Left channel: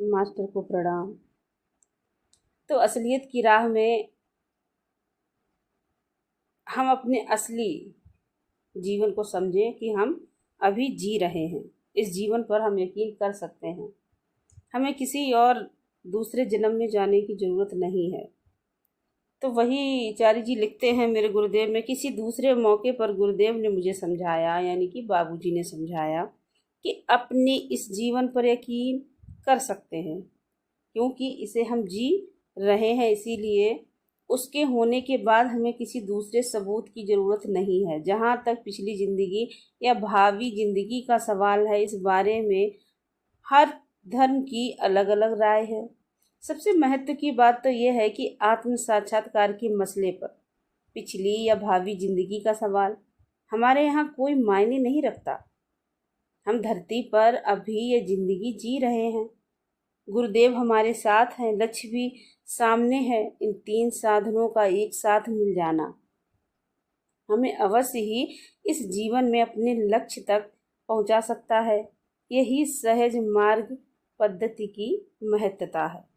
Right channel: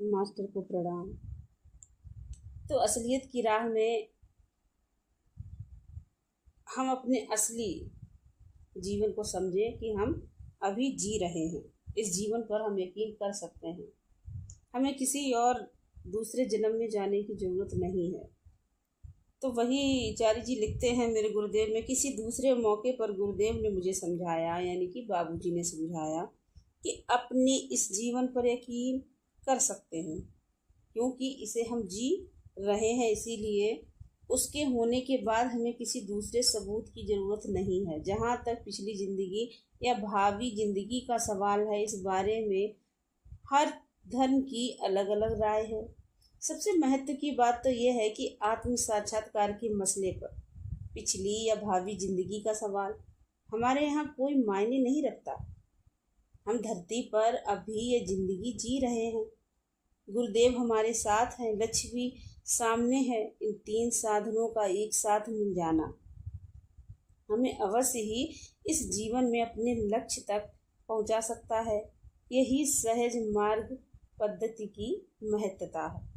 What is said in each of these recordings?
Master को प्रणाम। तो असलियत की राह में हम अपने असली जीवन को समझें कि हम अभी जी रहे हैं। इस जीवन पर हम यकीन कर सकते हैं। हमें किसी और दूसरे जन्म में जाने की ज़रूरत नहीं है। तो वही चारी जी लिखते हैं मेरे गुरुदेव में, किसी दूसरे मौके पर गुरुदेव ने मुझे समझाया, यानी कि बाबूजी ने समझाया कि अपने इस जीवन पर यकीन कर सकते हैं, क्योंकि इसे हम जी रहे हैं। इसीलिए उसके होने के बाद हमें किसी दूसरे सबूत की ज़रूरत नहीं है। जहाँ तक पिछली ज़िंदगी या भावी ज़िंदगी का सवाल है, इस बारे में हर धर्म की अलग अलग राय है। सबसे महत्व की बात तो यह है कि आत्म साक्षात्कार के मसले पर पिछली या भावी ज़िंदगी का सवाल हमारे यहाँ कोई मायने नहीं रखता। हम धरती पर अभी ये ज़िंदगी जी रहे हैं। गुरुदेव हमारे साथ हैं, लक्ष्य भी सामने है। इन तीन साधनों का एक साथ मिल जाना हमें अवश्य ही इस जीवन में अपने लक्ष्य तक पहुंचा सकता है। यही सहज मार्ग पद्धति की महत्ता है।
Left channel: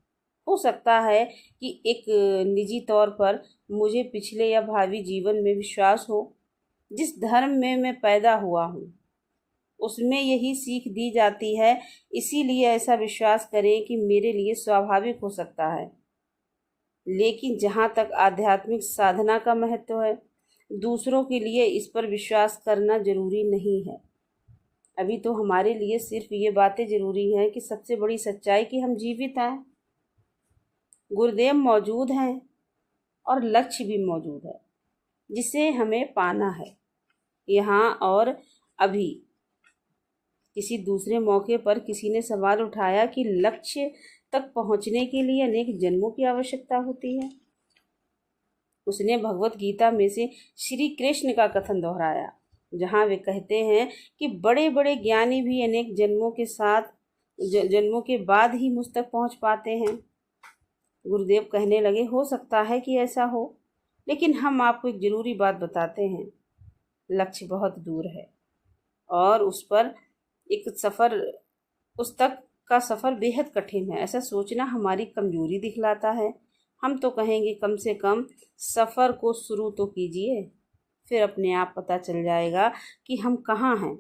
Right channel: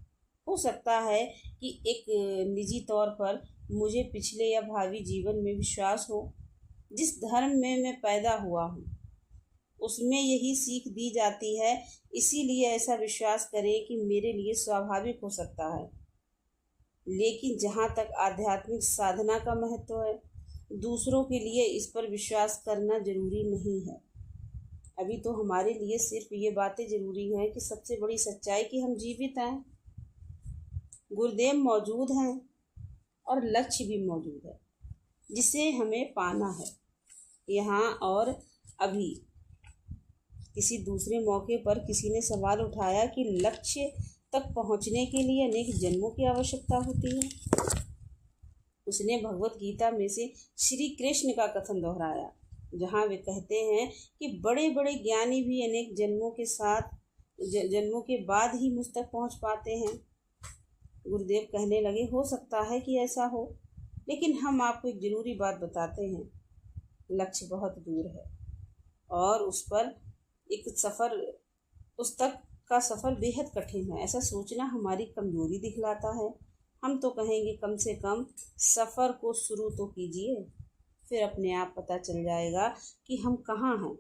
हो सकता है कि एक निजी तौर पर मुझे पिछले या भावी जीवन में विश्वास हो। जिस धर्म में मैं पैदा हुआ हूँ उसमें यही सीख दी जाती है, इसीलिए ऐसा विश्वास करें कि मेरे लिए स्वाभाविक हो सकता है। लेकिन जहाँ तक आध्यात्मिक साधना का महत्व है, दूसरों के लिए इस पर विश्वास करना जरूरी नहीं है। अभी तो हमारे लिए सिर्फ ये बातें ज़रूरी हैं कि सबसे बड़ी सच्चाई कि हम जीवित हैं, गुरुदेव मौजूद हैं और लक्ष्य भी मौजूद है जिसे हमें पाना है यहाँ और अभी। किसी दूसरे मौके पर किसी ने सवाल उठाया कि लक्ष्य तक पहुँचने के लिए अनेक जन्मों की आवश्यकता होती है। उसने भगवत गीता में से श्री कृष्ण का कथन दोहराया, जहाँ वे कहते हैं कि बड़े बड़े ज्ञानी भी अनेक जन्मों के बाद ही मुझ तक पहुँच पाते हैं। गुरुदेव कहने लगे, हो सकता है कि ऐसा हो, लेकिन हम आपको एक ज़रूरी बात बताते हैं। लक्ष्य बहुत दूर है और उस तक का सफ़र बेहद कठिन है। ऐसा सोचना हमारी कमज़ोरी दिखलाता है। हम तो कहेंगे कम से कम सफ़र को शुरू तो कीजिए, फिर अपने आप पता चल जाएगा कि हम कहाँ हैं।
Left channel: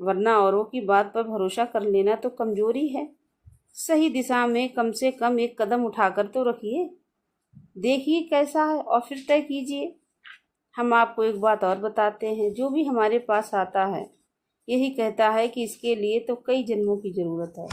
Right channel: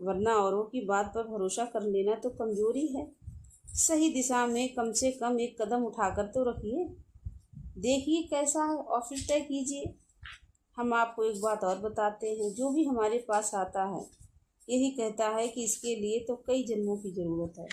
वरना औरों की बात पर भरोसा कर लेना तो कमज़ोरी है। सही दिशा में कम से कम एक कदम उठाकर तो रखिए, देखिए कैसा है और फिर तय कीजिए। हम आपको एक बात और बताते हैं, जो भी हमारे पास आता है यही कहता है कि इसके लिए तो कई जन्मों की ज़रूरत है।